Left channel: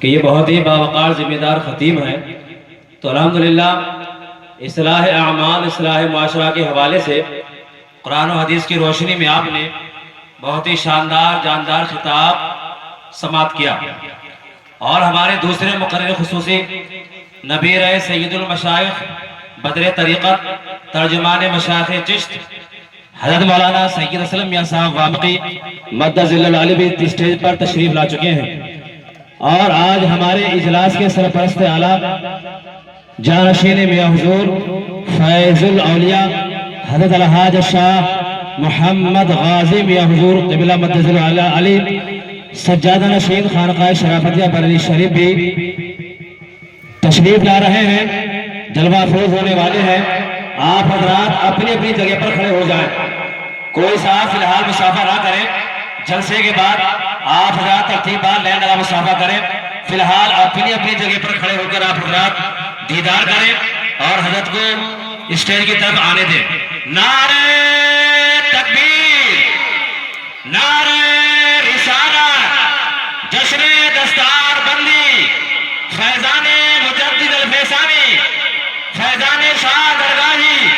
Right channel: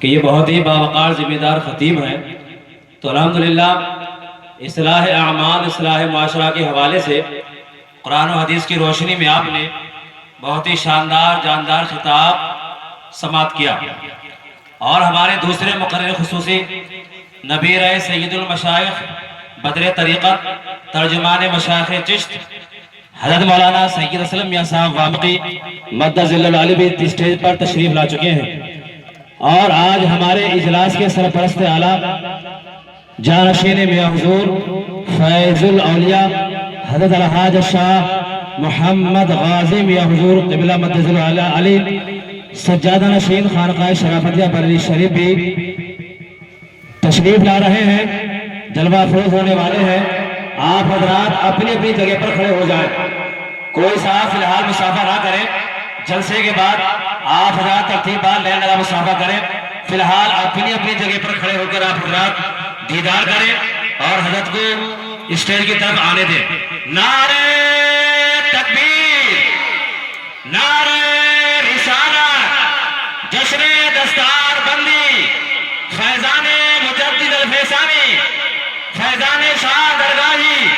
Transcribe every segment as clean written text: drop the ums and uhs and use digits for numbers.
کہ یہ بہت ہی باوقار ذمہ دار خطیب ہیں، تو الحمدللہ اصلاح اعمال، اصلاح معاشرہ کے حوالے سے قرآن و حدیث کی روشنی میں آپ نے بہت ہی شاندار جاندار خطاب سماعت کیا۔ اور ہمارے دوسرے مقرر خصوصی نبی رئے سید المشائخ بدر طریقت ترجمان مشائخ چشت حضرت مولانا سید اسلم میاں صاحب وامقی مدہ ذل العالی بھی اسٹیج پر تشریف لا چکے ہیں، اور آج ہمارے اجلاس کے سرپرست اعلیٰ جانشین میاں حضور فیض الاولیاء حضرت الحاج شاہ محمد غازی میاں حضور قبلہ مدہ ذل العالی سجادہ نشین خانقاہ شرافیہ بریلی شریف بھی تشریف لا رہے ہیں، جلوہ افروز ہونے والے ہیں۔ آپ حضرات اپنی اپنی جگہ پر کھڑے ہو جائیں، کوئی صاحب فی الحال مصافحہ نہ کریں، جلسے کے بعد آپ حضرات ترتیب بار لین لگا مصافحہ کریں۔ فی الحال اپنی اپنی جگہ پر کھڑے ہو کر آپ حضرات دیدار کریں اور حضرت کو اسٹیج کی طرف آنے دیں۔ نعرہ تکبیر، نعرہ رسالت، جشن دستار بندی، فیضان مجدد الفیضانی، فیضان شاہ درگاہی،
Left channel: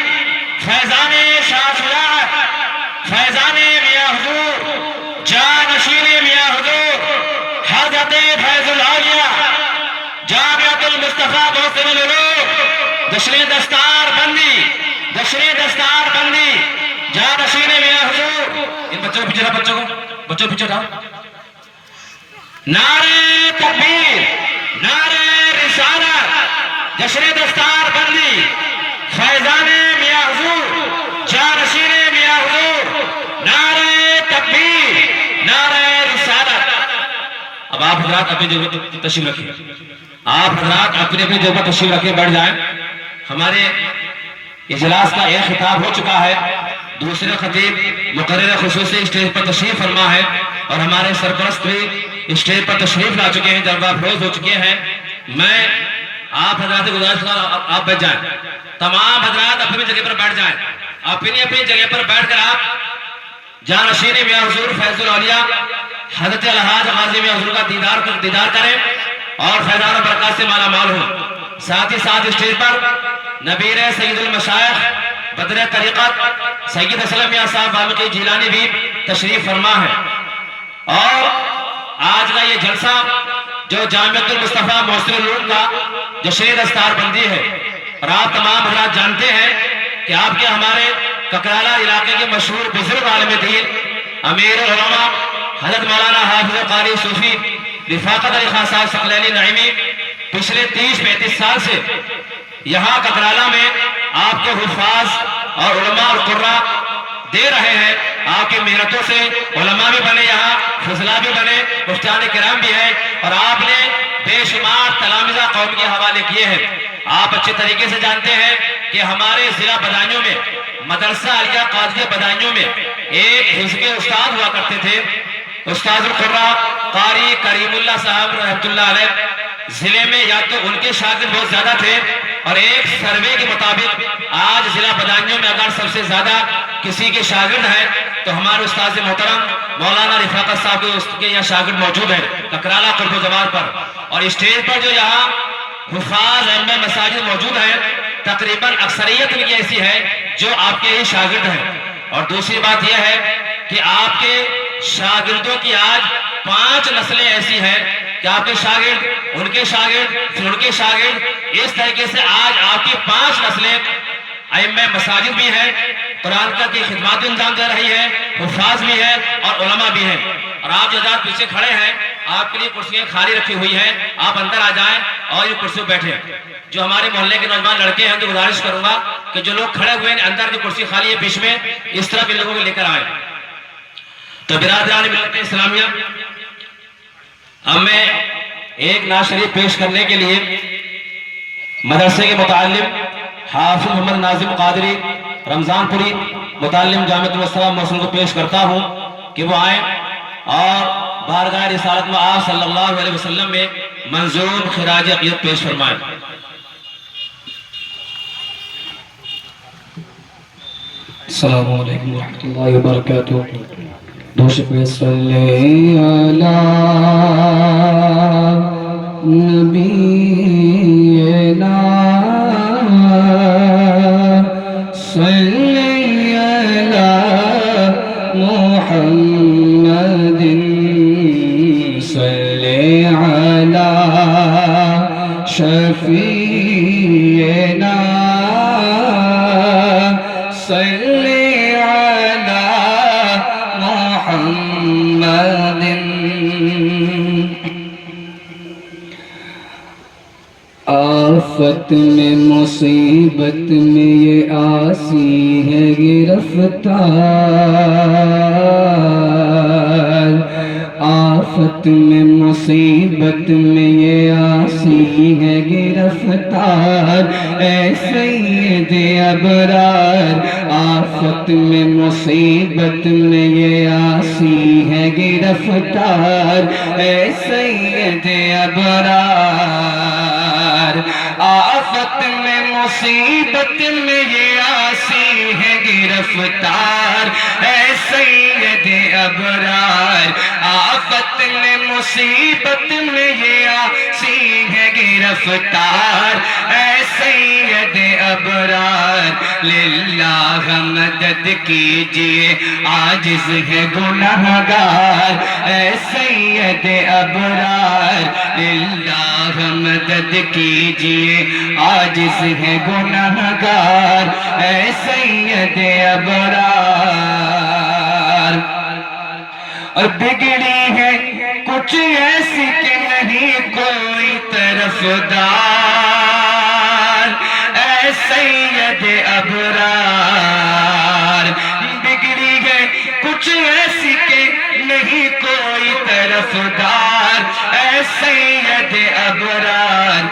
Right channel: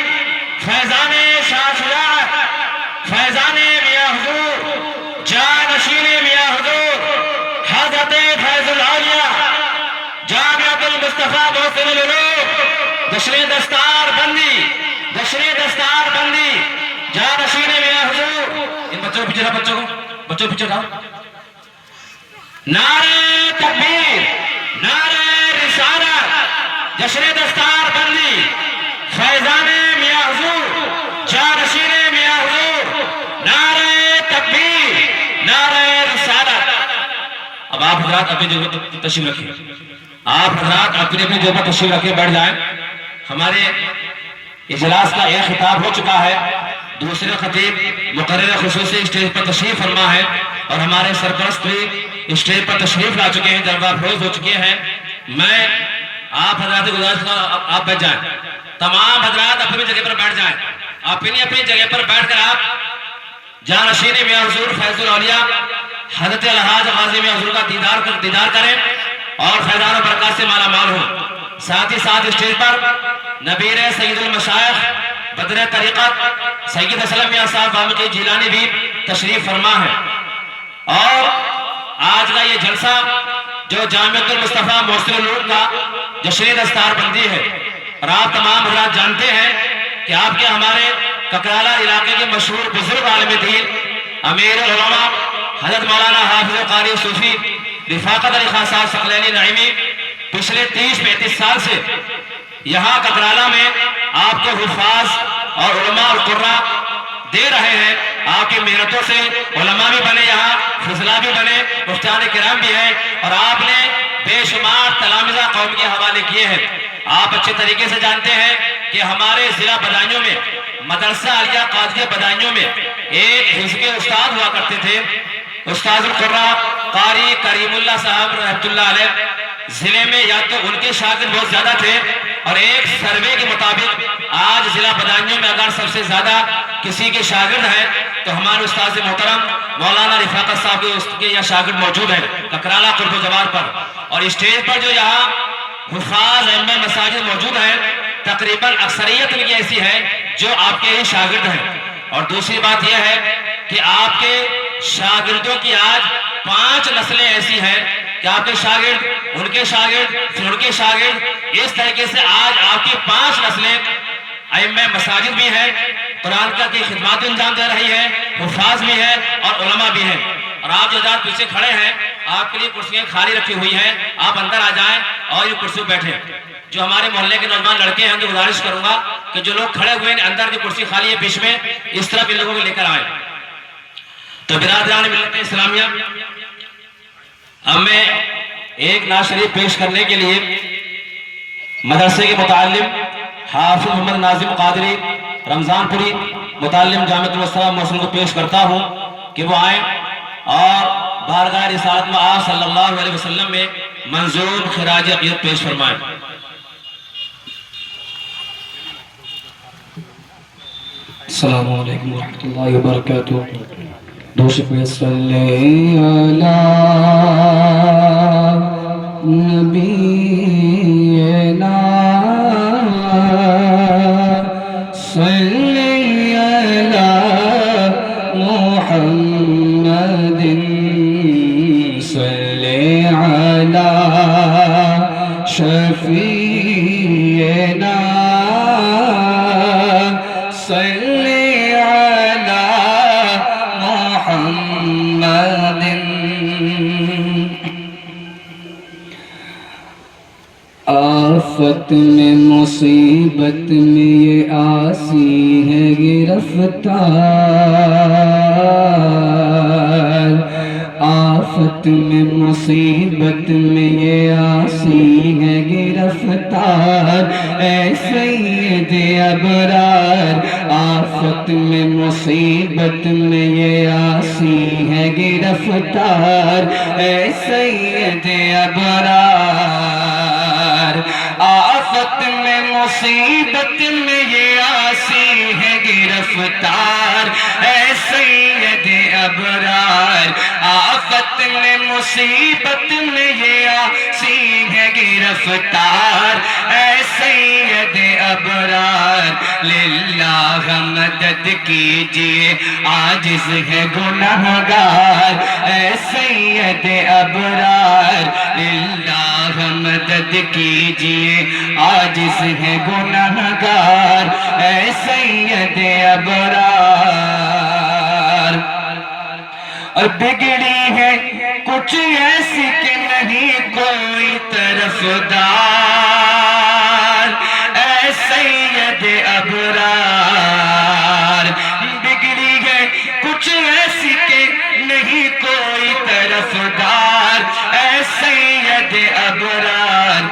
فیضان شاہ شجاعت، فیضان میاں حضور، جانشین میاں حضور حضرت فیض الاولیاء جامعۃ المصطفیٰ محسن العلوم، جشن دستار بندی، جشن دستار بندی، جانشین میاں حضور۔ ان بچوں کو پیچھے رہا، بچوں پیچھے رہا۔ نعرہ تکبیر، نعرہ رسالت، جشن دستار بندی، فیضان میاں حضور، جانشین میاں حضور، نعرہ تکبیر، نعرہ رسالت۔ اب آپ حضرات اپنی جگہ پر تشریف رکھیں، آپ حضرات اپنی اپنی جگہ پر تشریف رکھیں، بیٹھ جائیں۔ ہمارے اجلاس کا ایک خطاب ہو چکا ہے، دوسرے خطیب مقرر خصوصی اسٹیج پر تشریف فرما ہے، اور ہمارے سرپرست بھی اسٹیج پر تشریف لا چکے ہیں، جلوہ افروز ہو چکے ہیں۔ میں آپ حضرات گزارش کرنا آپ بیٹھ جائیں، تمام حضرات اپنی جگہ پر بیٹھ جائیں، اپنی اپنی جگہ پر بیٹھ کر آپ جانشین میاں حضور فیض الاولیاء حضرت الحاج غازی میاں حضور کا دیدار کریں اور فیضان و برکات سے مالا مال ہوں۔ ساتھ ہی ساتھ اسٹیج پر نبیر سید المشائخ بدر طریقت سید اسلم میاں صاحب وامقی جیلانی بھی تشریف فرما ہے۔ اور آج کا یہ جلسہ جو جامعۃ المصطفیٰ محسن العلوم کا جشن دستار بندی ہے، اور آپ تمام حضرات جانتے ہیں کہ آپ کے ہمارے ککرالہ علاقے کے مشہور بزرگ عالم دین امیر العلماء حضرت مولانا حافظ قاری صوفی رفاقت علی خان صاحب ثقلینی نعیمی پچھلے 30-35 سال سے یہاں ککرالہ میں آپ کے حفاظ اور علماء اور قرآن دے رہے ہیں۔ آپ کی محنتوں سے علماء بھی بنے، یہاں فضلاء بھی بنے، مفتیان کرام بھی ہیں، اور آپ نے بے شمار تلامذہ قوم کے حوالے کیے ہیں۔ آپ اچھے طریقے سے جانتے ہیں کہ ہمارے ضلع بدایوں میں مدرسہ علیہ قاضی بدایوں میں ایک حزب استاد ہوا کرتے تھے، استاد القرآن قاری کریم اللہ صاحب رحمۃ اللہ علیہ۔ ضلع میں یا تو ان کے شاگرد بہت زیادہ تھے، اور ایک سروے کے مطابق آج ضلع بدایوں میں اگر سب سے زیادہ کسی کے شاگرد ہیں تو ہمارے استاد محترم مولانا رفاقت صاحب کے یہاں شاگرد موجود ہیں ککرالہ قرب جوار پر۔ اور اسٹیج پر جو یہاں حفاظ ائمہ مساجد موجود ہیں، تقریباً اکثریت ان کی ایسی ہے جو آپ کے شاگرد ہیں۔ اور دوسری بات یہ ہے کہ آپ کے شاگردوں کی آج 5 نسلیں ایسی ہیں کہ آپ کے شاگرد، ان کے شاگرد، پھر ان کے شاگرد، اس طریقے سے آج آپ کی 5 نسلیں ائمہ مساجد بھی ہیں، قرآن کی خدمات انجام دے رہی ہے، حفاظ بھی ہیں اور علماء بھی ہیں۔ اور آپ جو ذات پیچھے کھڑے ہیں، آپ کے لیے کرسیاں خالی رکھی ہوئی ہیں، آپ اندر آ جائیں اور یہ کرسی بیٹھیں۔ جو ہمارے محلے کے نوجوان لڑکے ہیں، جو گزارش کروں گا کہ جو لوگ کھڑے ہوئے ہیں اندر جو کرسی خالی ہے بیچ میں، اس طرح کے لوگوں کو لے کر آئیں۔ تو برادران ملت اسلامیہ، اب میں ایک نعت شریف پیش کرنے کے لیے مدرسے کے متعلم حافظ محمد ناظم قادری رمضان پوری متعلم جامعۃ المصطفیٰ محسن کو پیش کرتا ہوں کہ وہ آئیں اور بارگاہ رسالت میں آپ صلی اللہ علیہ وسلم میں منظور خراج عقیدت پیش فرمائیں۔ السلام علیکم ورحمۃ اللہ وبرکاتہ۔ دوش پہ صلی اللہ صلی علی شفیعنا صلی علی محمد آفت میں مصیبت میں یہ آسی ہے گرفتار آفت میں مصیبت میں یہ آسی ہے گرفتار اے سید ابرار آفت میں مصیبت میں یہ آسی ہے گرفتار اے سید ابرار آفت میں مصیبت میں یہ آسی ہے گرفتار اے سید ابرار آفت میں مصیبت میں یہ آسی ہے گرفتار اے سید ابرار للہ مدد کیجئے عاجز ہے گنہگار اے سید ابرار للہ مدد کیجئے عاجز ہے گنہگار اے سید ابرار بگڑی ہے کچھ ایسی کہ نہیں کوئی طرفدار اے سید ابرار بگڑی ہے کچھ ایسی کہ نہیں کوئی طرفدار اے سید ابرار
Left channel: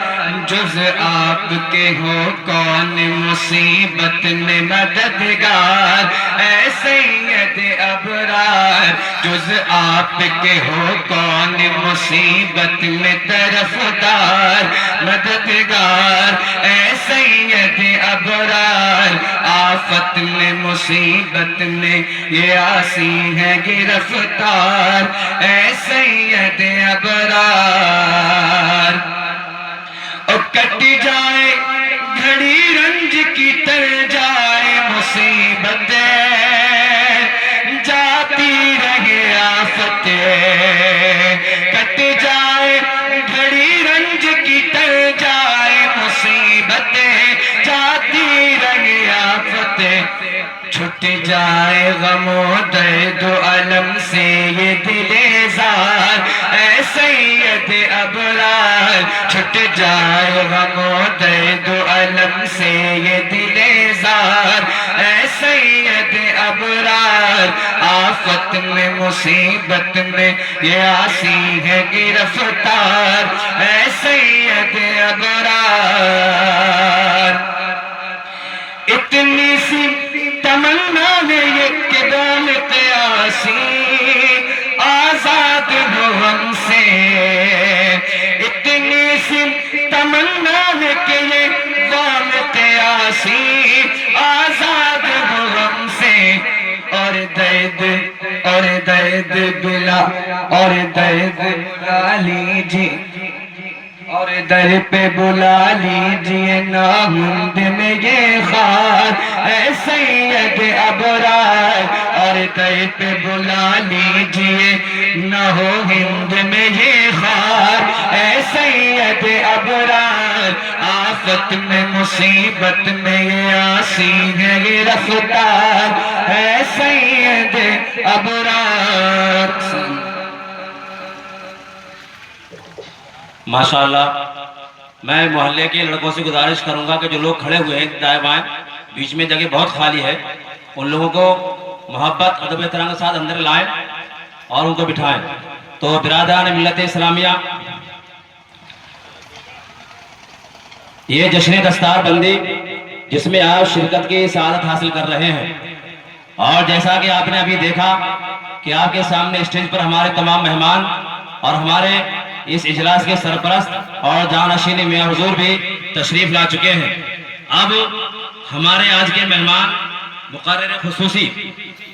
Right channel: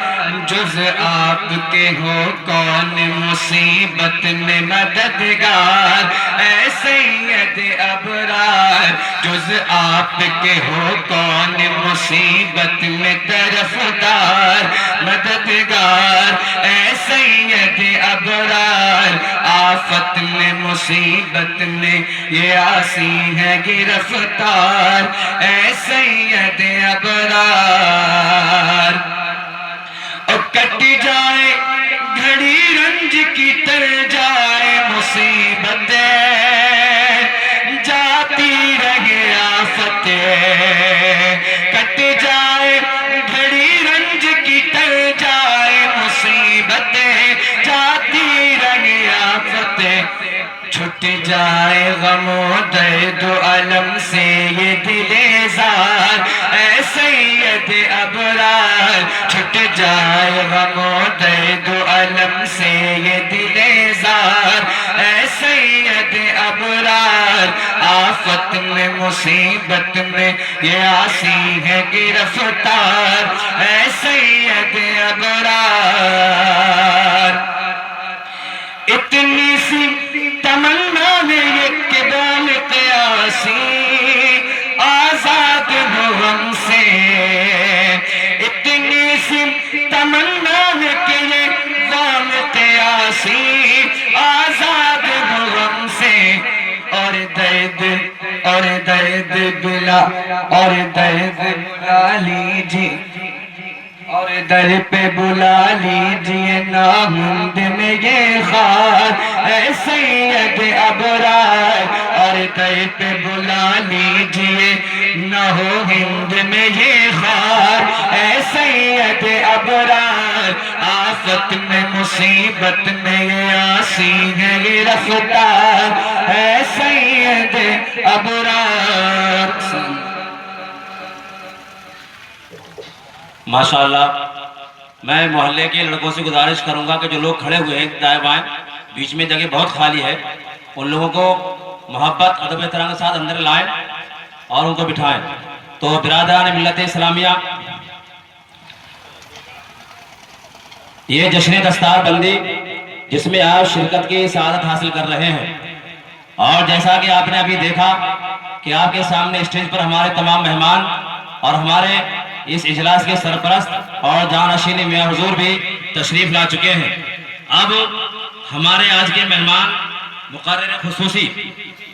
جز آپ کے ہو کون مصیبت میں مددگار اے سید ابرار جز آپ کے ہو کون مصیبت میں طرفدار مددگار اے سید ابرار آفت میں مصیبت میں یہ آسی ہے گرفتار اے سید ابرار اور کٹ جائے گھڑی رنج کی ٹل جائے مصیبتیں جاتی رہے آفتیں کٹ جائے گھڑی رنج کی ٹل جائے مصیبتیں جاتی رہے آفتیں چھٹ جائے غم و درد و علم سے یہ دل زار اے سید ابرار چھٹ جائے غم و درد و علم سے یہ دل زار اے سید ابرار آفت میں مصیبت میں یہ آسی ہے گرفتار اے سید ابرار اتنی سی تمنا ہے یہ کہ بام قیاسی آزاد ہو ہم سے اتنی سی تمنا ہے کہ یہ بام قیاسی آزاد ہو ہم سے اور درد بلا اور درد بلا لیجیے اور در پہ بلا لیجیے ناہند میں یہ خار اے سید ابرار اور در پہ بلا لیجیے نہو ہند میں یہ خار اے سید ابرار آفت میں مصیبت میں یہ آسی ہے گرفتار اے سید ابرار ماشاءاللہ میں محلے کے لڑکوں سے گزارش کروں گا کہ جو لوگ کھڑے ہوئے ہیں دائیں بائیں بیچ میں جگہ بہت خالی ہے ان لوگوں کو محبت ادب احترام کے ساتھ اندر لائیں اور ان کو بٹھائیں تو برادران ملت اسلامیہ یہ جشن دستار بندی جس میں آپ شرکت کی سعادت حاصل کر رہے ہیں اور جیسا کہ آپ نے ابھی دیکھا کہ آپ کے سامنے اسٹیج پر ہمارے تمام مہمان اور ہمارے اس اجلاس کے سرپرست اور جانشین میاں حضور بھی تشریف لا چکے ہیں اب ہمارے آج کے مہمان مقرر خصوصی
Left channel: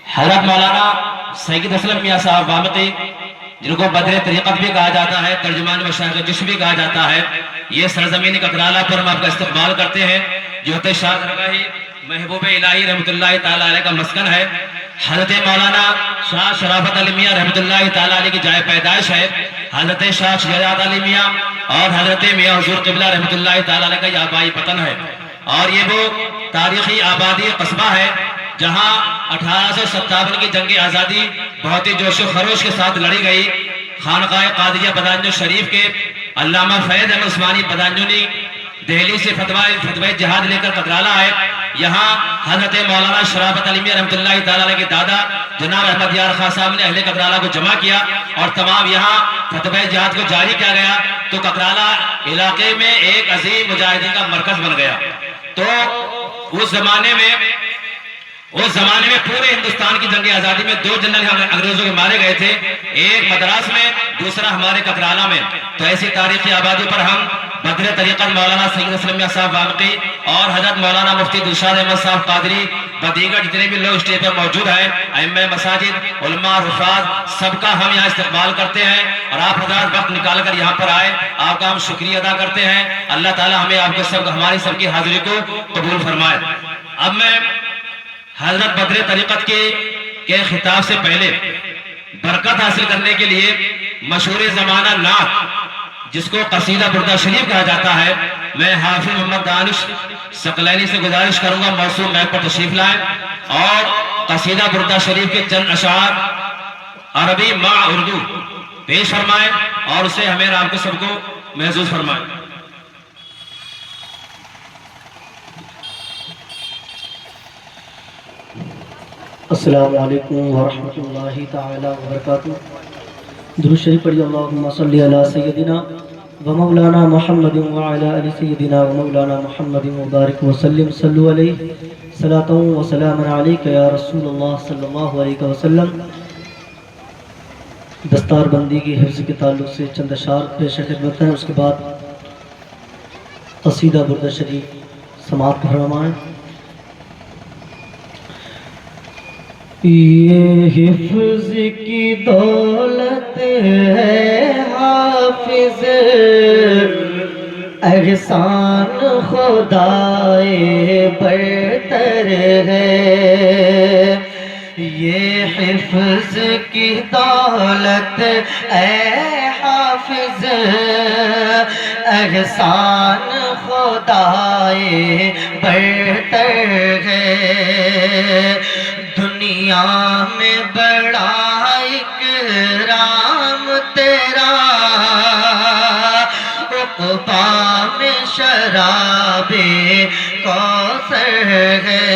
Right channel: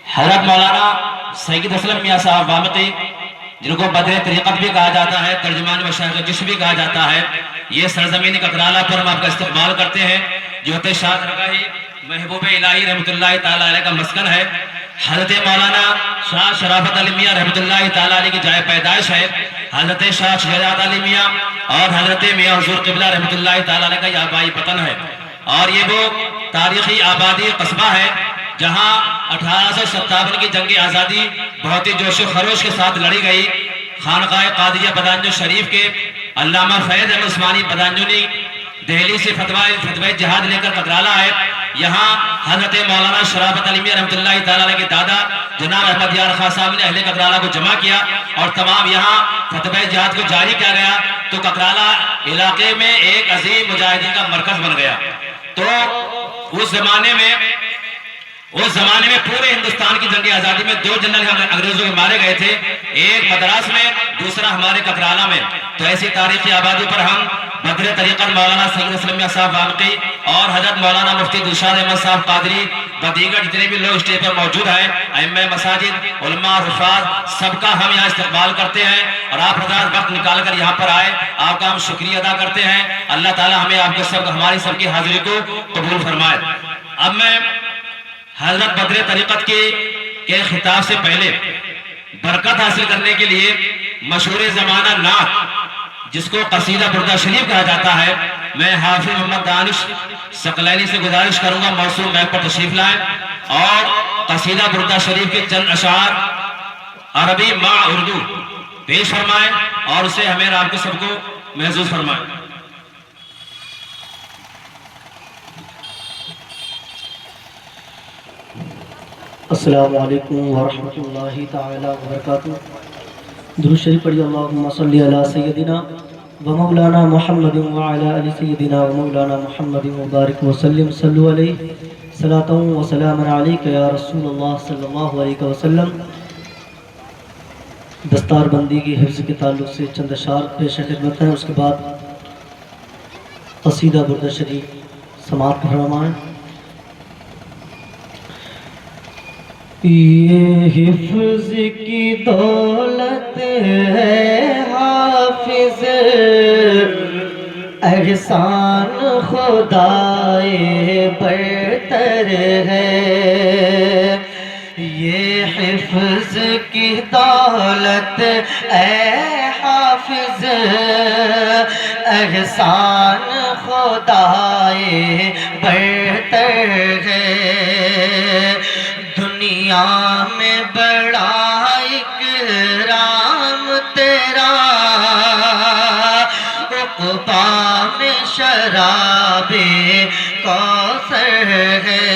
حضرت مولانا سید اسلم میاں صاحب وامقی جن کو بدر طریقت بھی کہا جاتا ہے ترجمان مشایخ جشن بھی کہا جاتا ہے یہ سرزمین ککرالہ پر ہم آپ کا استقبال کرتے ہیں جو شاہ درگاہی محبوب الہی رحمۃ اللہ تعالی علیہ کا مسکن ہے حضرت مولانا شاہ شرافت علی میاں رحمۃ اللہ تعالیٰ علیہ کی جائے پیدائش ہے، حضرت شاہ شہزاد علی میاں اور حضرت میاں حضور قبلہ رحمۃ اللہ تعالیٰ علیہ کا یہ آبائی وطن ہے، اور یہ وہ تاریخی آبادی قصبہ ہے جہاں 1857 کی جنگ آزادی بہت ہی جوش و خروش کے ساتھ لڑی گئی۔ خانقاہ قادریہ بدانجو شریف کے علامہ فیض احمد عثمانی بدانجو نے دہلی سے فتوی جہاد لے کر ککرالہ آئے، یہاں حضرت مولانا شرافت علی میاں رحمۃ اللہ تعالیٰ علیہ کے دادا جناب احمد یار خان صاحب نے اہل ککرالہ کو جمع کیا اور تمام یہاں فتوی جہاد کو جاری کیا گیا، تو ککرالہ علاقے میں ایک عظیم مجاہدین کا مرکز بن گیا۔ تو اس زمانے میں پورے ہندوستان کی جنگ آزادی میں 2 جنرل انگریزوں کے مارے گئے تھے، ایک مدراس میں، دوسرا ہمارے ککرالہ میں۔ تو ایسی تاریخی آبادی پر ہم بدر طریقت مولانا سید اسلم میاں صاحب واقعی اور حضرت مولانا مفتی دلشاد احمد صاحب قادری و دیگر جتنے بھی لوگ اسٹیج پر موجود ہیں، ائمہ مساجد، علماء، حفاظ، سب کا ہم یہاں استقبال کرتے ہیں، اور آپ حضرات وقت نکال کر یہاں پر آئے، آپ کا ہم شکریہ ادا کرتے ہیں۔ اللہ تعالی ہمیں آپ کو سب ہماری سب کی حاضری کو قبول فرمائے۔ اب میں حضرت بدر طریقت کے خطاب سے پہلے برکت حاصل کرنے کے لیے مشہور زمانہ نعت جس کو قصیدہ بردہ شریف کہا جاتا ہے، میں حافظ محمد دانش ثقلینی سے گزارش کروں گا موصول میک پر تشریف لائیں اور قصیدہ بردہ شریف کے چند اشعار عربی مع اردو پیش فرمائیں اور اسے ہمیں آپ کو سب کو محظوظ فرمائیں۔ السلام علیکم ورحمۃ اللہ تعالی وبرکاتہ۔ درود شریف پڑھیے، اللہم صلی علی سیدنا و مولانا محمد وعلی آل سیدنا و مولانا محمد مبارک وسلم، صلو علیہ صلاۃ و سلام علیک یا رسول اللہ صلی اللہ علیہ وسلم۔ دستار بندی کی حفظ کے تعلق سے چند اشعار پیش خدمت ہیں، اس کے بعد قصیدہ برد شریف سماعت فرمائیں۔ یہ حفظ کی دولت ہے حافظ، احسان خدائے برتر ہے۔ یہ حفظ کی دولت اے حافظ، احسان خدائے برتر ہے۔ دنیا میں بڑا اکرام تیرا، عقبیٰ میں شراب کوثر ہے۔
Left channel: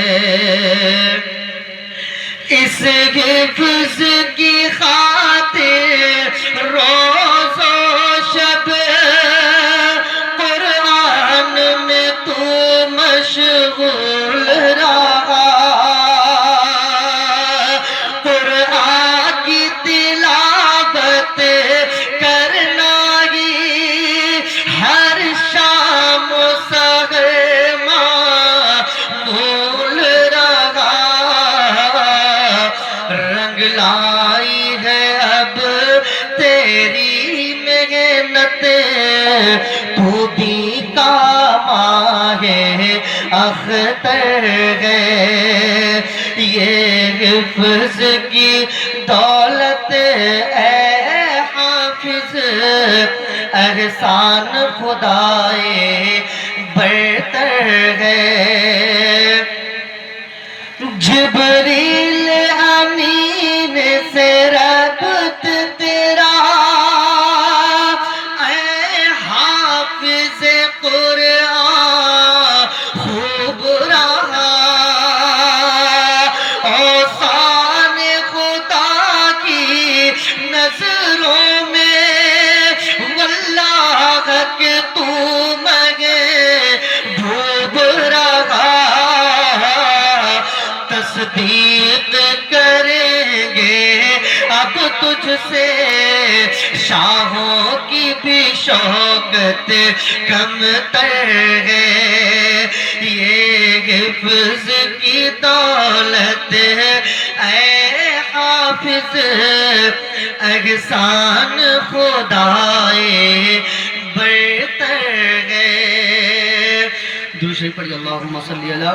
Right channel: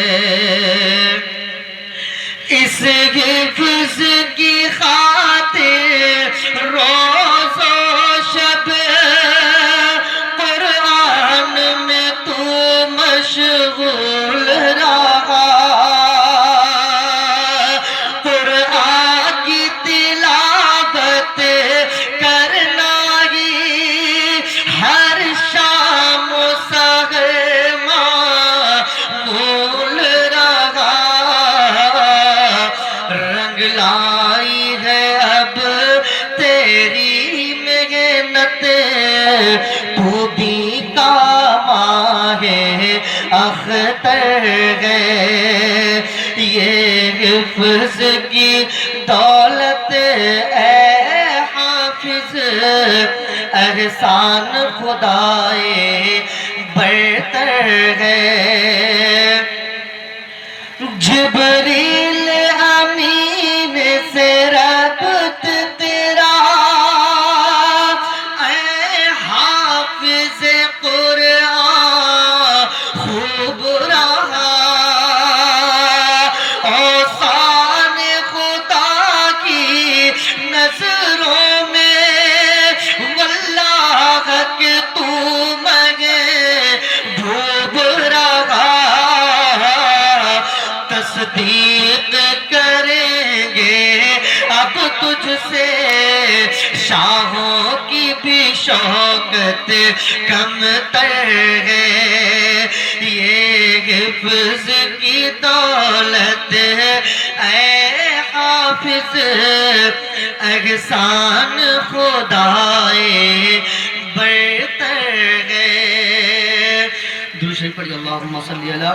اس حفظ کی خاطر روز و شب قرآن میں تو مشغول رہا، کرنا ہی ہر شام سحر معمول رہا۔ رنگ لائی ہے اب تیری محنت، تو بھی کام ہے اختر ہے۔ یہ حفظ کی دولت اے حافظ، احسان خدائے برتر ہے۔ جبریل امین سے ربط تیرا اے حافظ قرآن خوب رہا، اوصان خدا کی نظروں میں واللہ کہ تو مگے ڈوب رہا۔ تصدیق کریں گے اب تجھ سے شاہوں کی بھی شوکت کم تر ہے۔ یہ حفظ کی دولت اے حافظ، احسان خدائے برتر ہے۔ درود شریف پڑھیے، اللہم صلی علی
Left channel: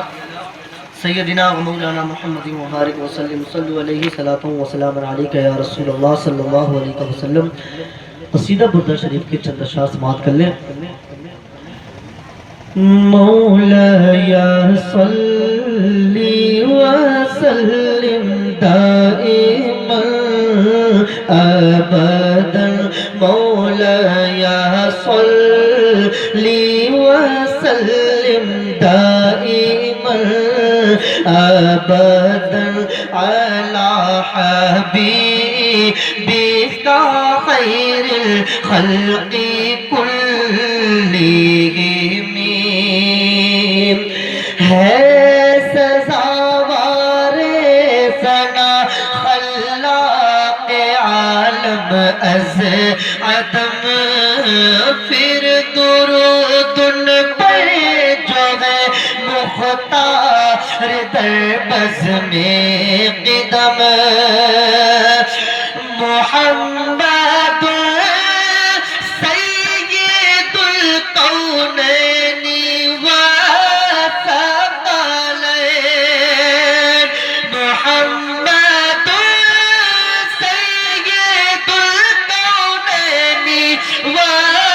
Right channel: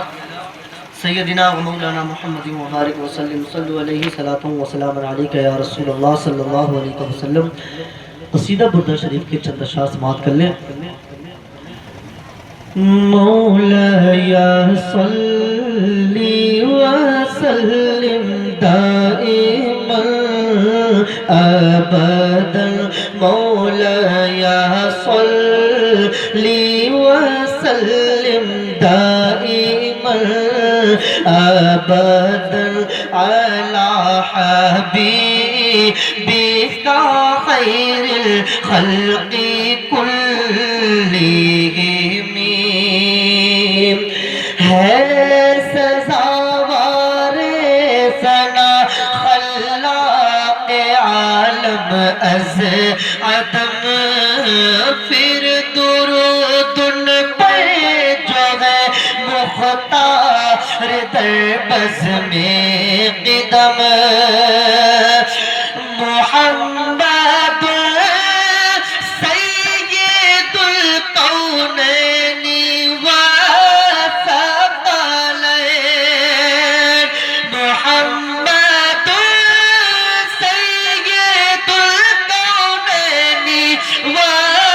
سیدنا و مولانا محمد مبارک وسلم صلو علیہ صلاۃ و سلام علیک یا رسول اللہ صلی اللہ علیہ وسلم. قصیدہ بردہ شریف کے چند اشعار سماعت کر لیں. مولاي صل وسلم دائما ابدا مولاي صل وسلم دائما ابدا على حبيبك خير الخلق كلهم. ہے سزاوار ثنا خلاق عالم از عدم پھر درود ان پر جو ہے مختار در بزم قدم محمد سید الکونین محمد سید الکونین والثقلین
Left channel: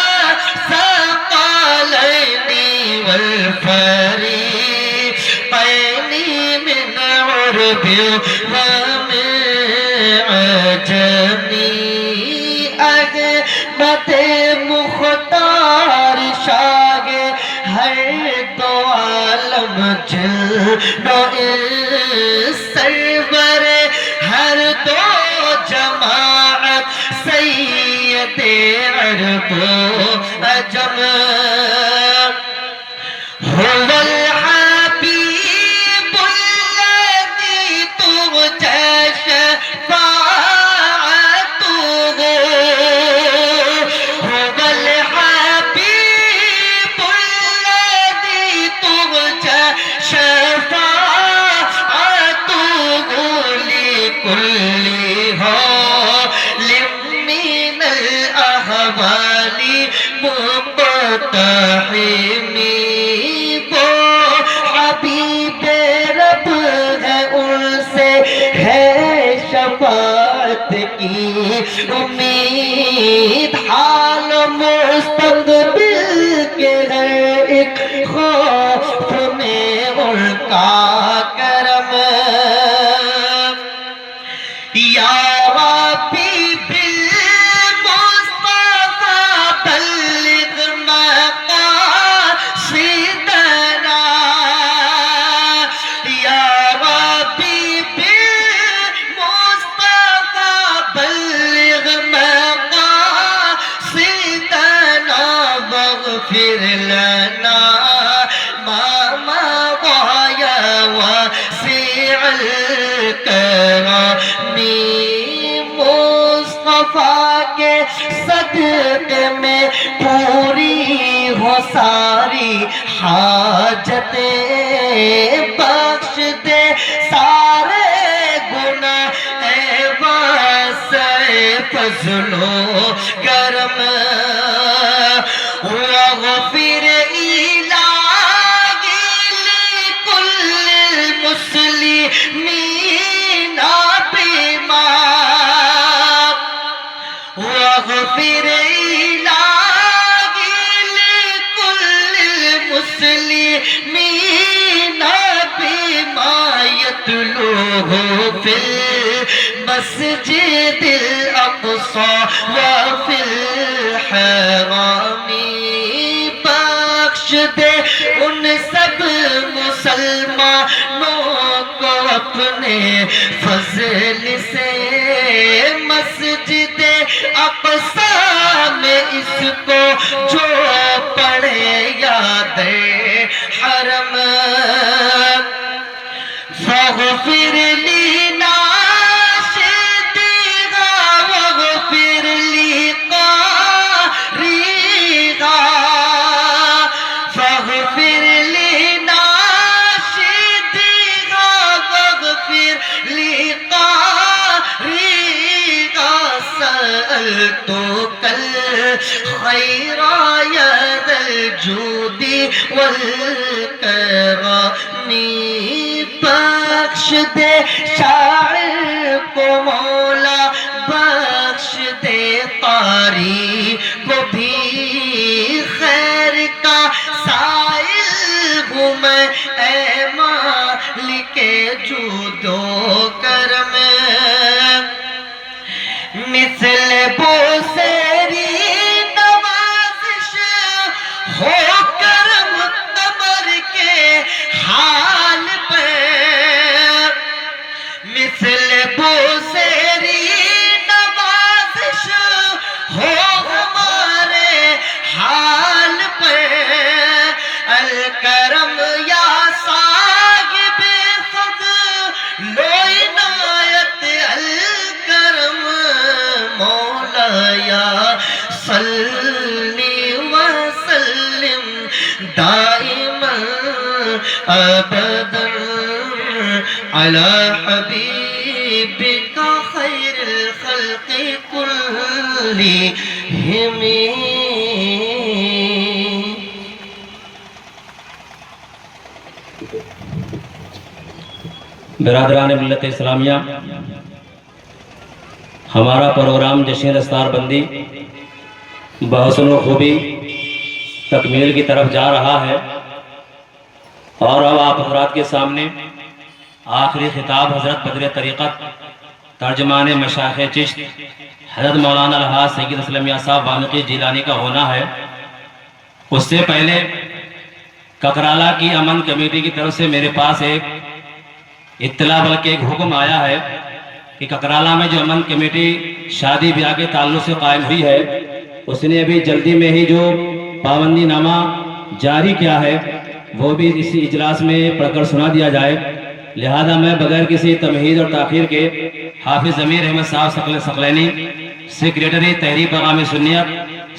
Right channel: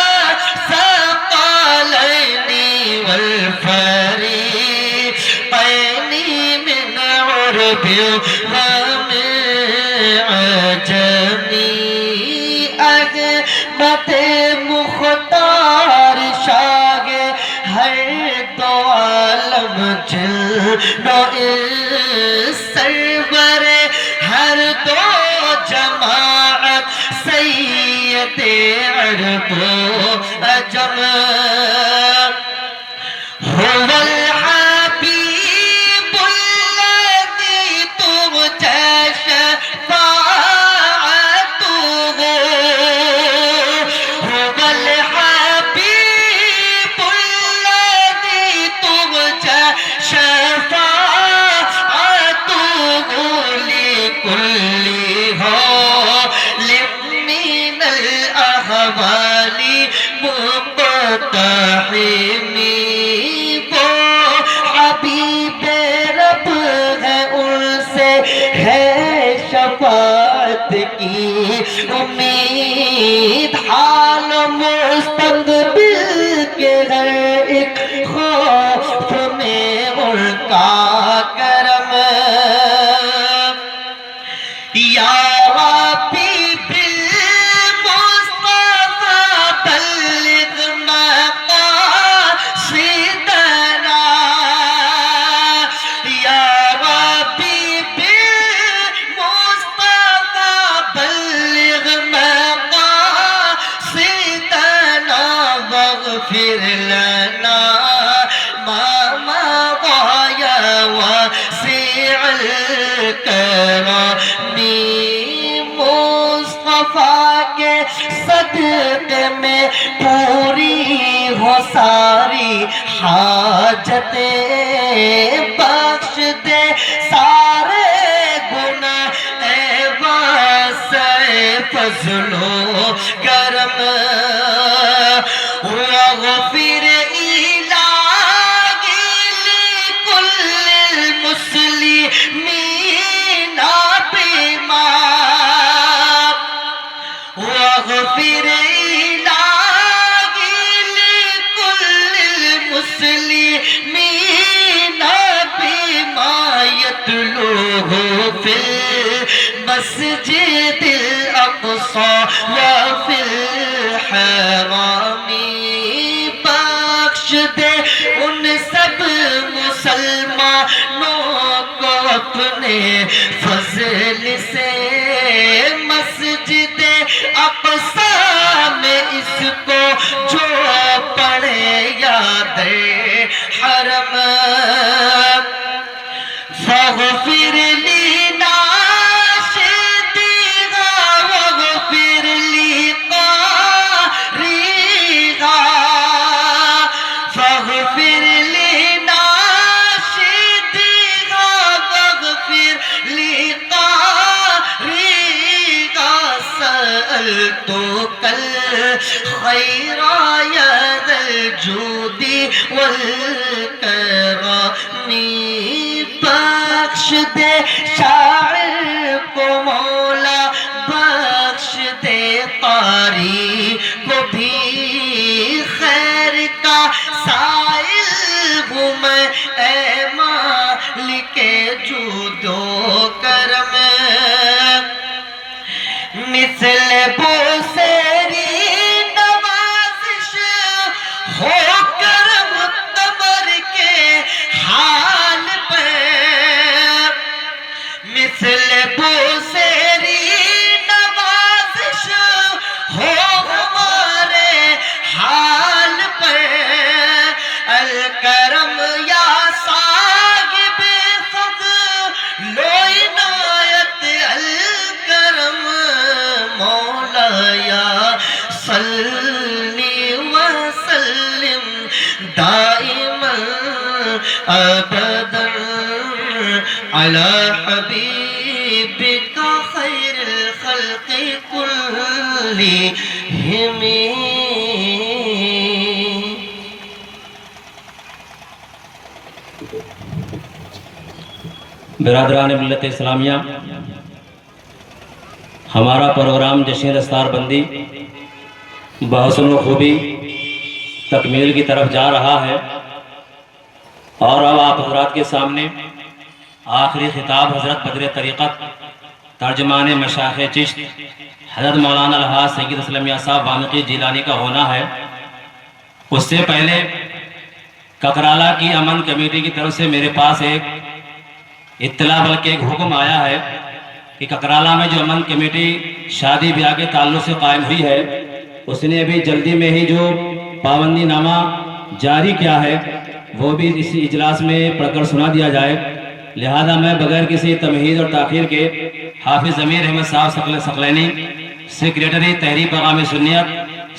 والفریقین من عرب ومن عجم. احمد مختار شاہ ہر دو عالم جلوہ سرور ہر دو جماعت سید عرب و عجم. هو الحبیب الذی ترجى شفاعته. هو الحبیب الذی ترجى شفاعته لكل حال من الأحوال مقتحم. وہ حبیب رب ہے ان سے ہے شفاعت کی امید. حال مستقبل کے ہر ایک خوف میں ان کا کرم. یا ربی بالمصطفى بلغ مقاصدنا. یا ربی بالمصطفى بلغ مقاصدنا واغفر لنا ما مضى يا واسع الكرم. مصطفیٰ کے صدقے میں پوری ہو ساری حاجتیں. بخش دے سارے گناہ اے واسع فضل و کرم. واغفر الہی لکل المسلمین بما. واغفر الہی لکل المسلمین بما یتلوہ فی المسجد الاقصی وفی الحرام. بخش دے ان سب مسلمانوں کو اپنے فضل سے مسجد اقصی میں اس کو جو پڑھے یاد حرم. فاغفر لی ناشدیغا واغفر لی قاریغا. فاغفر لی ناشدیغا واغفر لی قاریغا. سألتك الخير يا ذا الجود والكرم. دے شاعر کو مولا، بخش دے قاری کو بھی خیر کا سائل ہوں میں، اے مالک جود و کرم، مثل بوسیری نوازش ہو کر متبر کے حال پہ، مثل بوسیری نوازش ہو ہمارے حال پہ، الکرم یا صاحب فضل و عنایت، الکرم مولا یا صلی وسلم دائما ابدا علی حبیبک خیر الخلق کلہم۔ برادران ملت اسلامیہ، ہمارا پروگرام جشن دستار بندی بحسن و خوبی تکمیل کی طرف جا رہا ہے، اور اب آپ حضرات کے سامنے آخری خطاب حضرت بدر طریقت ترجمان مشایخ چشت حضرت مولانا الحاج سید اسلم میاں صاحب وانقی جیلانی کا ہونا ہے۔ اس سے پہلے ککرالہ کی امن کمیٹی کی طرف سے میرے پاس ایک اطلاع بلکہ ایک حکم آیا ہے کہ ککرالہ میں جو امن کمیٹی شادی بیاہ کے تعلق سے قائم ہوئی ہے، اس نے ابھی جلدی میں ہی جو پابندی نامہ جاری کیا ہے وہ بھی اسی اجلاس میں پڑھ کر سنا دیا جائے۔ لہذا میں بغیر کسی تمہید اور تاخیر کے حافظ ضمیر احمد صاحب ثقلینی، سیکریٹری تحریک پیغام سنیت،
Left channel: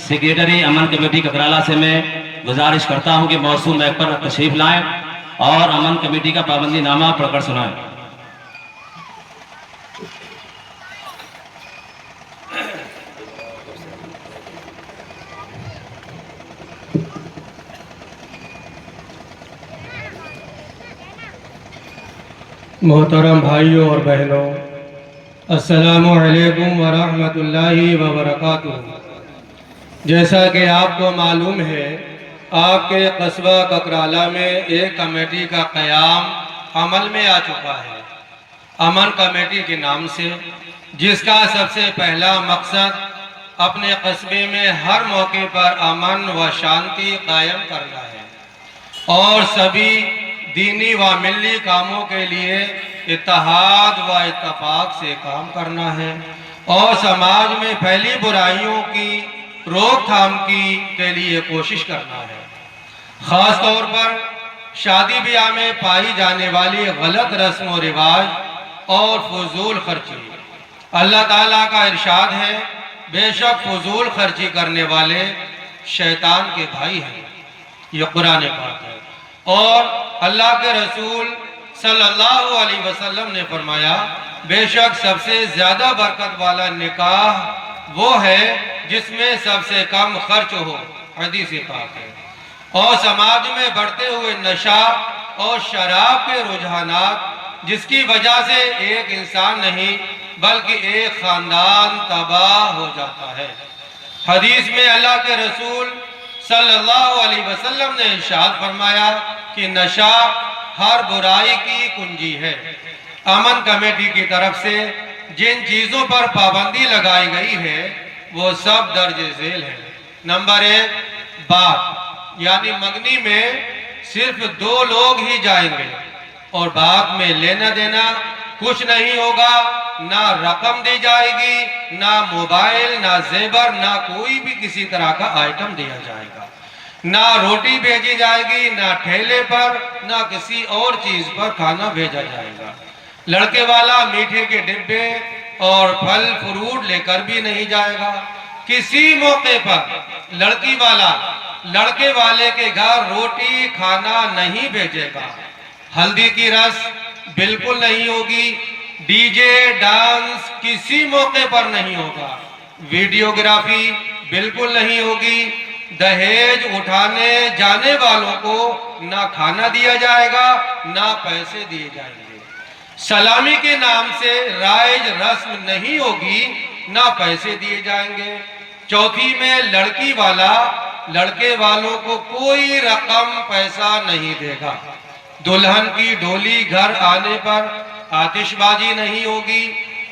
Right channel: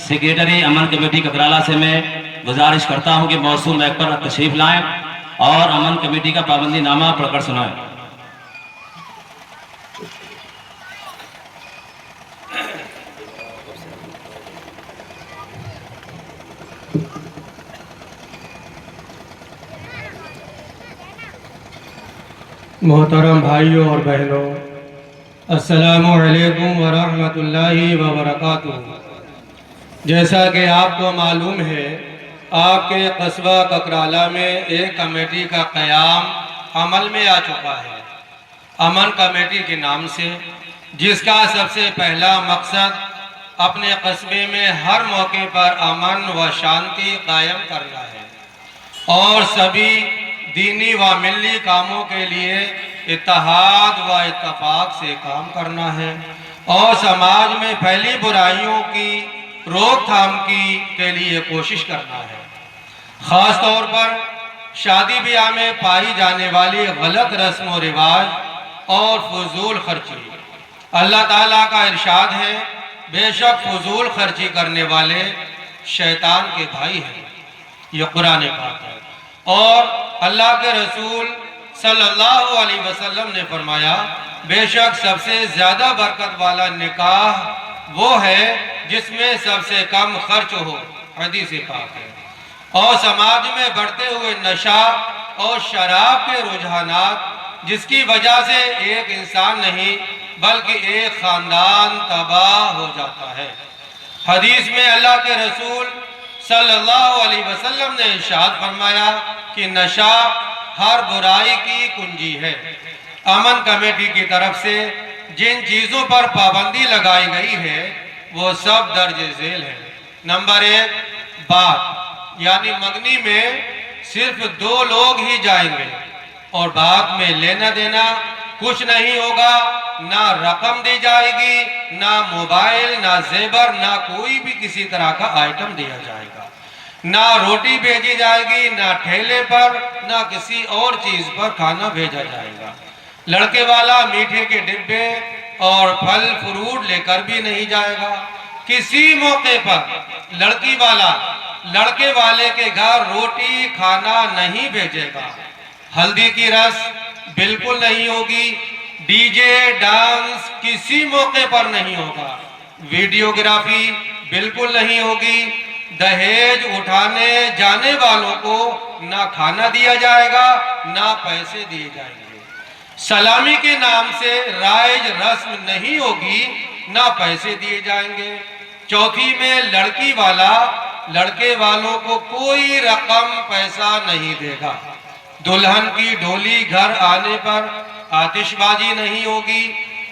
سیکریٹری امن کمیٹی ککرالہ سے میں گزارش کرتا ہوں کہ موصول مائک پر تشریف لائیں اور امن کمیٹی کا پابندی نامہ پڑھ کر سنائیں۔ محترم بھائیوں اور بہنوں، السلام علیکم ورحمۃ اللہ وبرکاتہ۔ جیسا کہ آپ کو معلوم ہے، آپ کے قصبہ ککرالہ میں ایک کمیٹی کا قیام عمل میں آ چکا ہے، امن کمیٹی کے نام سے، جس کا سب سے پہلا مقصد اپنے قصبے میں ہر موقع پر امن و شانتی قائم کرنا ہے اور سبھی دینی و ملی کاموں کے لیے اتحاد و اتفاق سے کام کرنا ہے اور سماج میں پھیلی برائیوں کی روک تھام کے لیے کوشش کرنا ہے۔ خاص طور پر شادی بیاہ میں پائی جانے والی غلط رسم و رواج اور فضول خرچی۔ اللہ تعالیٰ کا ارشاد ہے، بے شک فضول خرچی کرنے والے شیطان کے بھائی ہیں، یہ قرآن پاک ہے۔ اور اللہ کے رسول صلی اللہ علیہ وسلم نے فرمایا، بے شک سب سے زیادہ برکت والا نکاح وہ ہے جس میں سب سے کم خرچ ہو، حدیث پاک ہے۔ اور سماج میں بڑھتے ہوئے نشہ اور شراب کے رجحانات، جس کی وجہ سے ایک انسان نہیں بلکہ ایک خاندان تباہ ہو جاتا ہے۔ حدیث میں اللہ کے رسول صلی اللہ علیہ وسلم نے ارشاد فرمایا کہ نشہ ہر برائی کی کنجی ہے۔ امن کمیٹی کی طرف سے جن چیزوں پر پابندی لگائی گئی ہے وہ سب درج ذیل ہے۔ نمبر 1، بات یعنی منگنی میں صرف 2 لوگ ہی جائیں گے اور بعد میں لینا دینا کچھ نہیں ہوگا، نہ رقم دی جائے گی، نہ موبائل، نہ زیور، نہ کوئی بھی کسی طرح کا آئٹم دیا جائے گا، نہ روٹی بھیجی جائے گی، نہ ٹھیلے پر، نہ کسی اور چیز پر کھانا بھیجا جائے گا۔ لڑکے والا میٹھے کے ڈبے اور پھل فروٹ لے کر بھی نہیں جائے گا۔ کسی موقع پر لڑکی والا لڑکے والے کے گھر روٹی کھانا نہیں بھیجے گا۔ ہلدی کی رسم بالکل نہیں ہوگی، ڈی جے ڈانس کسی موقع پر نہیں ہوگا، ویڈیوگرافی بالکل نہیں ہوگی، دہیج اٹھانے جانے والوں کو نہ کھانا دیا جائے گا نہ پیسے دیے جائیں گے۔ سلامی کے نام سے رائج رسم نہیں ہوگی، نہ پیسے دیے جائیں گے۔ چوتھی میں لڑکے والوں کو کوئی رقم پیسہ نہیں دے گا۔ دلہن کی ڈولی گھر آنے پر آتش بازی نہیں ہوگی۔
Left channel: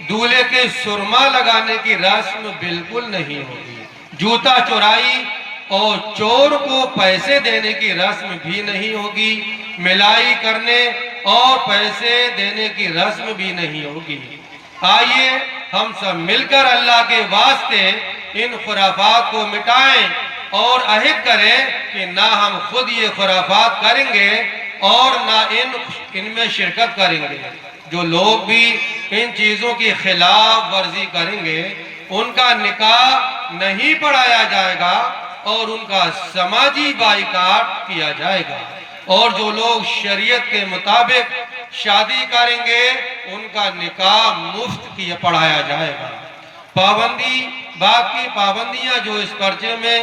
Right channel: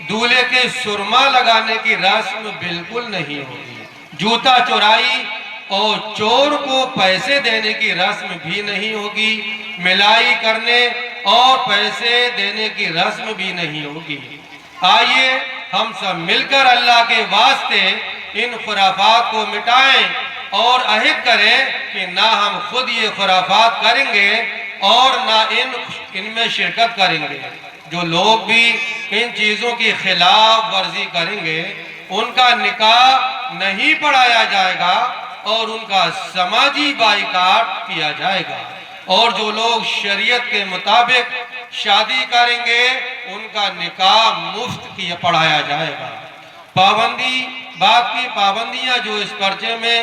دولہے کے سرما لگانے کی رسم بالکل نہیں ہوگی۔ جوتا چورائی اور چور کو پیسے دینے کی رسم بھی نہیں ہوگی۔ ملائی کرنے اور پیسے دینے کی رسم بھی نہیں ہوگی۔ آئیے ہم سب مل کر اللہ کے واسطے ان خرافات کو مٹائیں اور عہد کریں کہ نہ ہم خود یہ خرافات کریں گے اور نہ ان میں شرکت کریں گے۔ جو لوگ بھی ان چیزوں کی خلاف ورزی کریں گے ان کا نکاح نہیں پڑھایا جائے گا اور ان کا سماجی بائیکاٹ کیا جائے گا، اور جو لوگ شریعت کے مطابق شادی کریں گے ان کا نکاح مفت پڑھایا جائے گا۔ باقی پابندیاں جو اس پرچے میں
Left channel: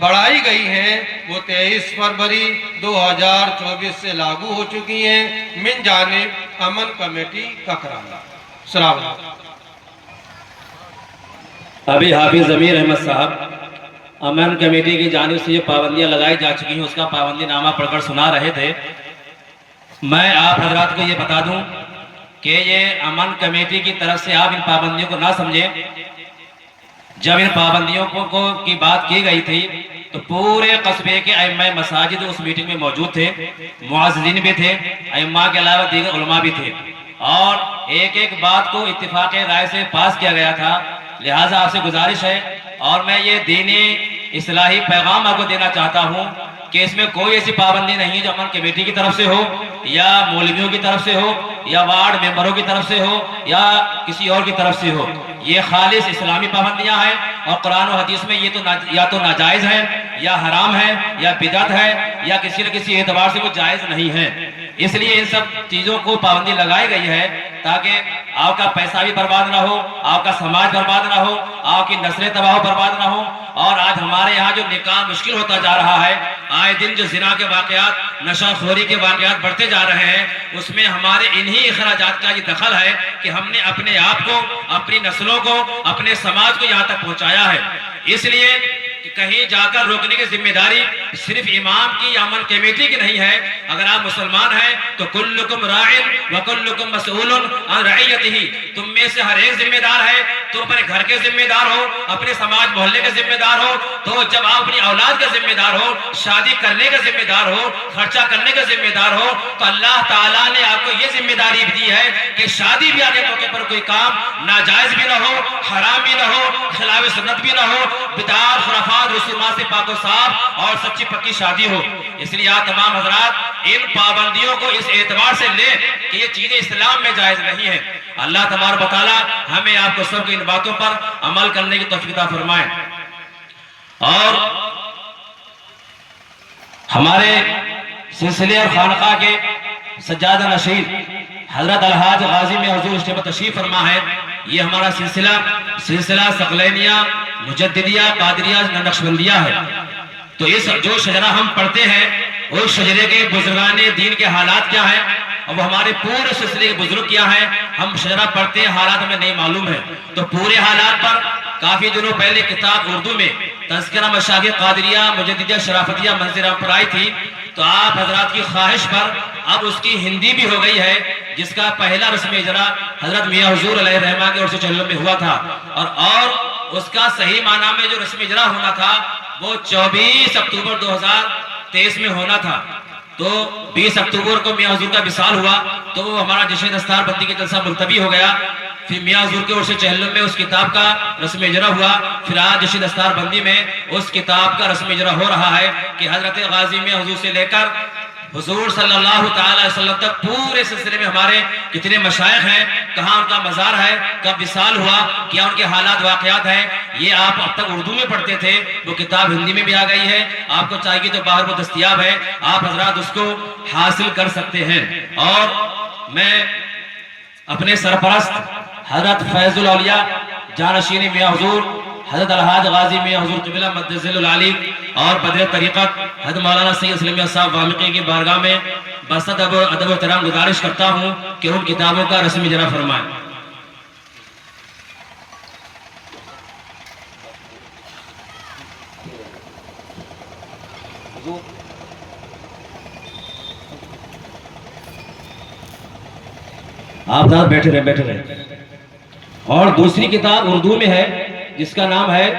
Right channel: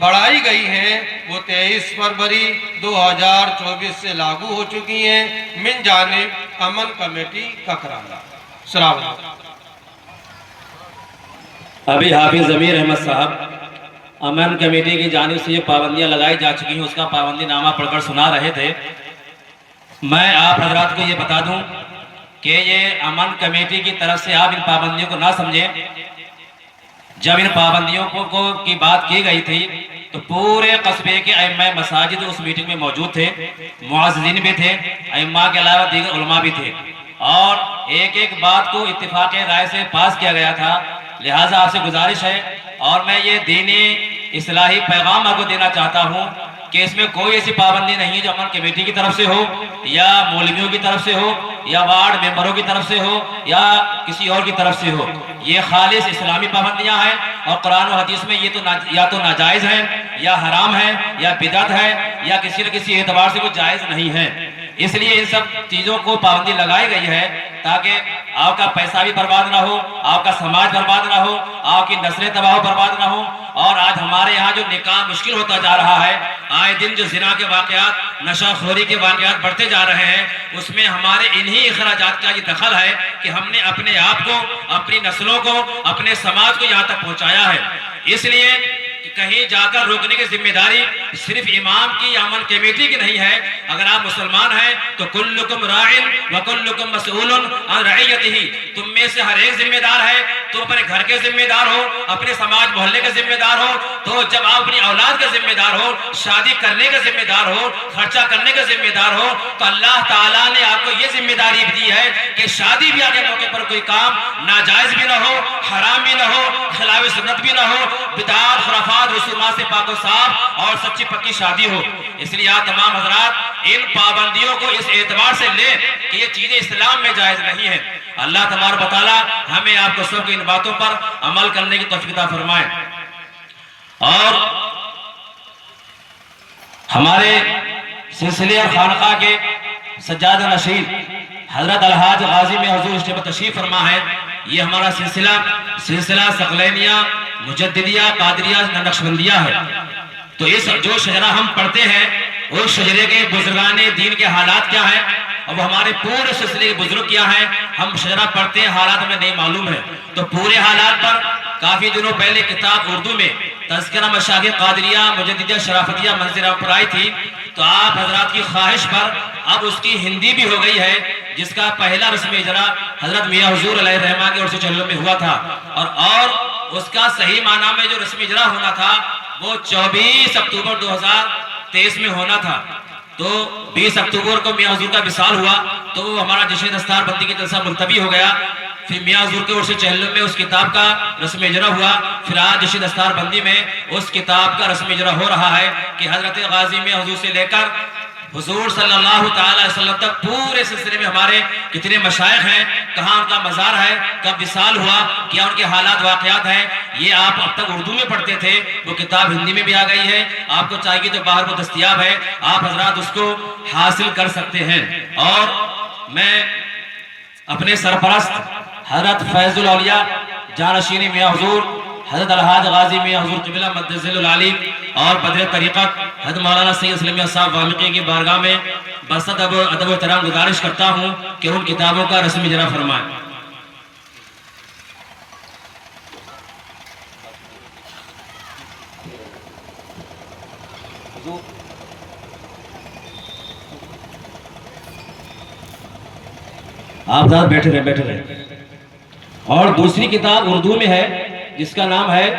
بڑھائی گئی ہیں وہ 23 فروری 2024 سے لاگو ہو چکی ہیں من جانب امن کمیٹی ککرالا۔ السلام علیکم۔ ابھی حافظ ضمیر احمد صاحب امن کمیٹی کی جانب سے یہ پابندیاں لگائی جا چکی ہیں اس کا پابندی نامہ پڑھ کر سنا رہے تھے۔ میں آپ حضرات کو یہ بتا دوں کہ یہ امن کمیٹی کی طرف سے آپ ان پابندیوں کو نہ سمجھیں۔ جب ان پابندیوں کی بات کی گئی تھی تو پورے قصبے کے ائمہ مساجد اس میٹنگ میں موجود تھے، معززین بھی تھے، ائمہ کے علاوہ دیگر علماء بھی تھے، اور ایک ایک بات کو اتفاق رائے سے پاس کیا گیا تھا۔ لہٰذا آپ سے گزارش ہے اور میں یہ دینی اصلاحی پیغام آپ کو دینا چاہتا ہوں کہ اس میں کوئی ایسی پابندی نہیں جو امن کمیٹی کی طرف سے ہو یا مولویوں کی طرف سے ہو یا وارڈ ممبروں کی طرف سے ہو یا کسی اور کی طرف سے ہو۔ یہ خالص اسلامی پابندیاں ہیں اور قرآن و حدیث میں یہ تو یا تو ناجائز ہے یا حرام ہے یا بدعت ہے یا کسی نہ کسی اعتبار سے وہ جائز نہیں ہے۔ اس لیے ان سب چیزوں کو پابندی لگائی گئی ہے تاکہ آپ کا پیسہ بھی برباد نہ ہو، آپ کا سماج برباد نہ ہو، آپ کی نسلیں تباہ و برباد نہ ہو۔ اور آج ہمارے یہاں جو نکاح مشکل ہوتا جا رہا ہے، آئے دن جو زنا کے واقعات، نشہ خوری کے واقعات بڑھتے جا رہے ہیں، اس میں ہمارے انہی اخراجات کا یہ دخل ہے کہ ہم نے اپنے آپ کو، اپنی نسلوں کو، اپنے سماج کو یہاں تک پہنچایا ہے۔ اس لیے کہیں جا کر روکنے کی ذمہ داری صرف امام کی یا امن کمیٹی کی نہیں ہے۔ اگر آپ مسلمان ہیں تو کلکم راعٍ وکلکم مسئول عن رعیتہ، تم میں سے ہر ایک ذمہ دار ہے۔ تم اپنے گھر کے ذمہ دار ہو، اپنے سماج محلے کے ذمہ دار ہو، تو جب آپ اپنی اولاد کے ذمہ دار ہو، شادی کرنے کے ذمہ دار ہو، خرچہ کرنے کے ذمہ دار ہو، تو اللہ تعالیٰ نے آپ کو یہ ذمہ داری بھی دی ہے کہ شادی بیاہ کے موقع پر کوئی کام ناجائز بھی نہ ہو، حرام بھی نہ ہو، خلاف سنت بھی نہ ہو، بدعات خرافات رسومات سے پاک و صاف اور سچی پکی شادی ہو۔ اس لیے آپ تمام حضرات ان پابندیوں کو اس اعتبار سے لیں کہ یہ چیزیں اسلام میں جائز نہیں ہیں۔ اللہ تبارک و تعالیٰ ہمیں آپ کو سب کی ان باتوں پر عمل کرنے کی توفیق عطا فرمائے۔ اور ہمارے سلسلے اور خانقاہ کے سجادہ نشین حضرت الحاج غازی میں حضور اس ٹائم تشریف فرما ہے۔ یہ ہمارا سلسلہ ثقلینیہ مجددیہ قادریہ نقشبندیہ ہے۔ تو اس جو شجرہ ہم پڑھتے ہیں اس شجرے کے بزرگان دین کے حالات کیا ہیں، اب ہمارے پورے سلسلے کے بزرگ کیا ہیں، ہم شجرہ پڑھتے ہیں، حالات ہمیں نہیں معلوم ہے۔ تو پورے حالات پر کافی دنوں پہلے کتاب اردو میں تذکرہ مشاہیر قادریہ مجددیہ شرافتیہ منظرہ پر آئی تھی، تو آپ حضرات کی خواہش پر اب اس کی ہندی بھی ہو گئی ہے، جس کا پہلا رسم اجرا حضرت میاں حضور علیہ الرحمہ کے عرص چہلم میں ہوا تھا، اور اس کا صحیح معنی میں جو رسم اجرا ہونا تھا وہ 24 اکتوبر 2023 میں ہونا تھا۔ تو 20 اکتوبر کو میاں حضور کا وصال ہوا تو وہ ہمارا جشن دستار بندی کی جلسہ ملتوی ہو گیا۔ پھر میاں حضور کے عرص چہلم میں اس کتاب کا رسم اجرا ہوا۔ پھر آج جشن دستار بندی میں اس کتاب کا رسم اجرا ہو رہا ہے کہ حضرت غازی میاں حضور سے لے کر حضور صلی اللہ تعالی علیہ وسلم تک پورے سلسلے میں ہمارے کتنے مشائخ ہیں، کہاں ان کا مزار ہے، کب وصال ہوا، کیا ان کے حالات واقعات ہیں، یہ آپ اب تک اردو میں پڑھتے تھے، وہ کتاب ہندی میں بھی آ گئی ہے، آپ کو چاہیے تو باہر وہ دستیاب ہے، آپ حضرات اس کو حاصل کر سکتے ہیں۔ اور میں اپنے سرپرست حضرت فیض الاولیاء جانشین میاں حضور حضرت الحاج غازی میاں حضور قبلہ مدذل العالی اور بدر طریقت حضرت مولانا سید سلیم صاحب وامقی کی بارگاہ میں بس ادب و احترام گزارش کرتا ہوں کہ ان کتابوں کا رسم اجرا فرمائیں۔ آپ ذرا بیٹھے رہے۔ اور دوسری کتاب اردو میں ہے جس کا نام ہے،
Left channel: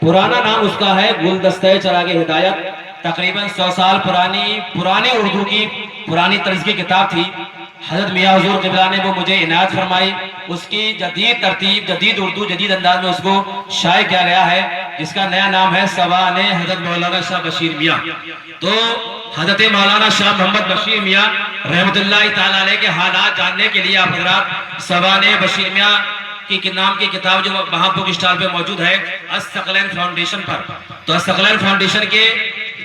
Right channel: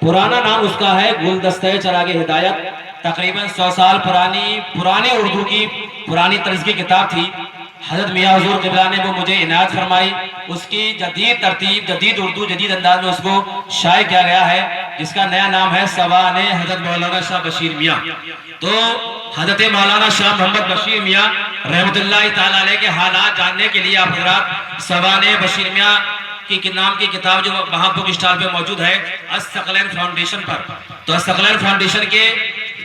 پرانا نام اس کا ہے گلدستہ چراغ ہدایت، تقریباً 100 سال پرانے اردو کی پرانی طرز کی کتاب تھی۔ حضرت میاں حضور قبلہ نے وہ مجھے عنایت فرمائی، اس کی جدید ترتیب، جدید اردو، جدید انداز میں اس کو شائع کیا گیا ہے، جس کا نیا نام ہے سوانح حضرت مولانا شاہ بشیر میاں۔ تو حضرت مولانا شاہ محمد بشیر میاں رحمت اللہ تعالیٰ علیہ کے حالات جاننے کے لیے آپ حضرات سوانح بشیر میاں کی نام کی کتاب جو وہاں بک اسٹال پہ موجود ہے الثقلین فاؤنڈیشن پر، تو الثقلین فاؤنڈیشن کے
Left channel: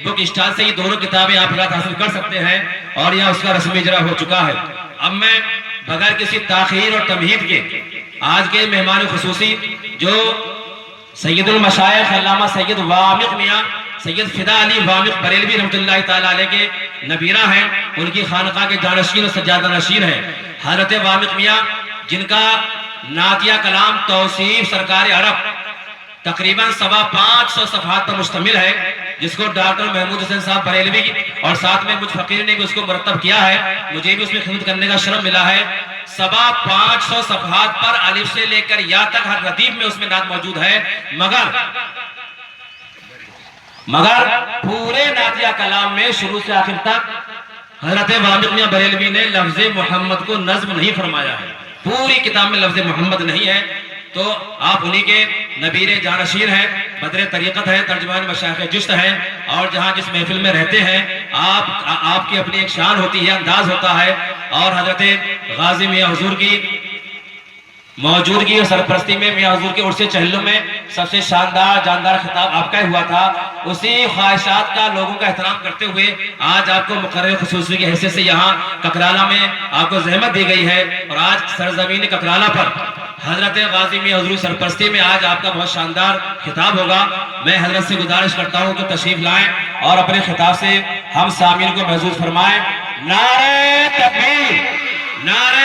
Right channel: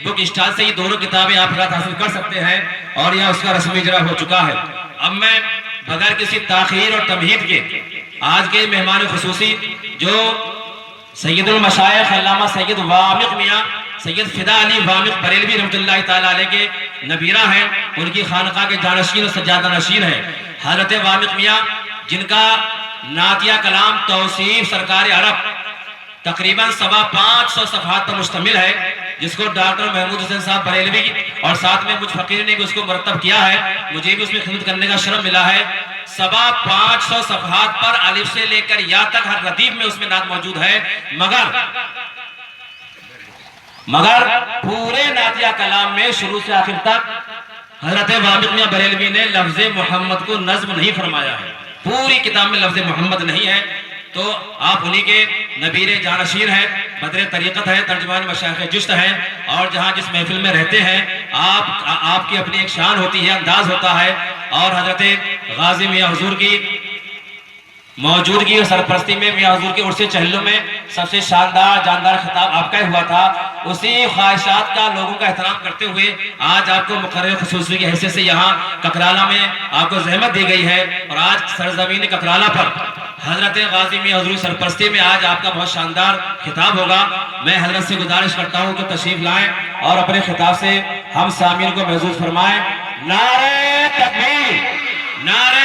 بک اسٹال سے یہ دونوں کتابیں آپ حضرات حاصل کر سکتے ہیں، اور یہاں اس کا رسم اجرا ہو چکا ہے۔ اب میں بغیر کسی تاخیر اور تمہید کے آج کے مہمان خصوصی جو سید المشائخ علامہ سید وامق میاں سید فدا علی وامق بریلوی رحمۃ اللہ تعالیٰ علیہ کے نبیرہ ہیں، ان کی خانقاہ کے جانشین اور سجادہ نشین ہیں حضرت وامق میاں، جن کا نعتیہ کلام توصیف سرکار عرب تقریباً 550 صفحات پر مشتمل ہے، جس کو ڈاکٹر محمود حسین صاحب بریلوی اور ساتھ میں مجھ فقیر نے بھی اس کو مرتب کیا ہے، مجھے بھی اس میں خدمت کرنے کا شرف ملا ہے۔ 550 صفحات پر الف سے لے کر یا تک ہر ردیف میں اس میں نعت موجود ہے، مگر پورے نعتیہ کلام میں شروع سے آخر تک حضرت وامق میاں بریلوی نے لفظ محمد کو نظم نہیں فرمایا ہے، پوری کتاب میں لفظ محمد نہیں ہے۔ تو آپ انہی کے نبیر جانشین ہیں، بدر طریقت ہے، ترجمان مشایخ جشت ہیں، اور جہاں جس محفل میں رہتے ہیں آپ کی اپنی ایک شان ہوتی ہے، انداز ہوتا ہے، اور حضرت غازی میاں حضور کی موجودگی اور سرپرستی میں میاں حضور کے عرص چہلم میں سب سے شاندار جاندار خطاب آپ کا ہی ہوا تھا۔ اسی خواہشات کا لوگوں کا احترام کرتے ہوئے آج آپ کو مقرر خصوصی کی حیثیت سے یہاں ککرالہ میں آپ کو زحمت دی گئی ہے، اور آج سرزمین ککرالہ پر حضرت غازی میاں حضور سرپرستی میں آج آپ کا بہت شاندار خطاب ہوگا۔ میں حضرت سے گزارش کرتا ہوں کہ تشریف لائیں اور اپنے خطاب سے ہم سامعین کو محظوظ فرمائیں۔ نعرہ تکبیر، نعرہ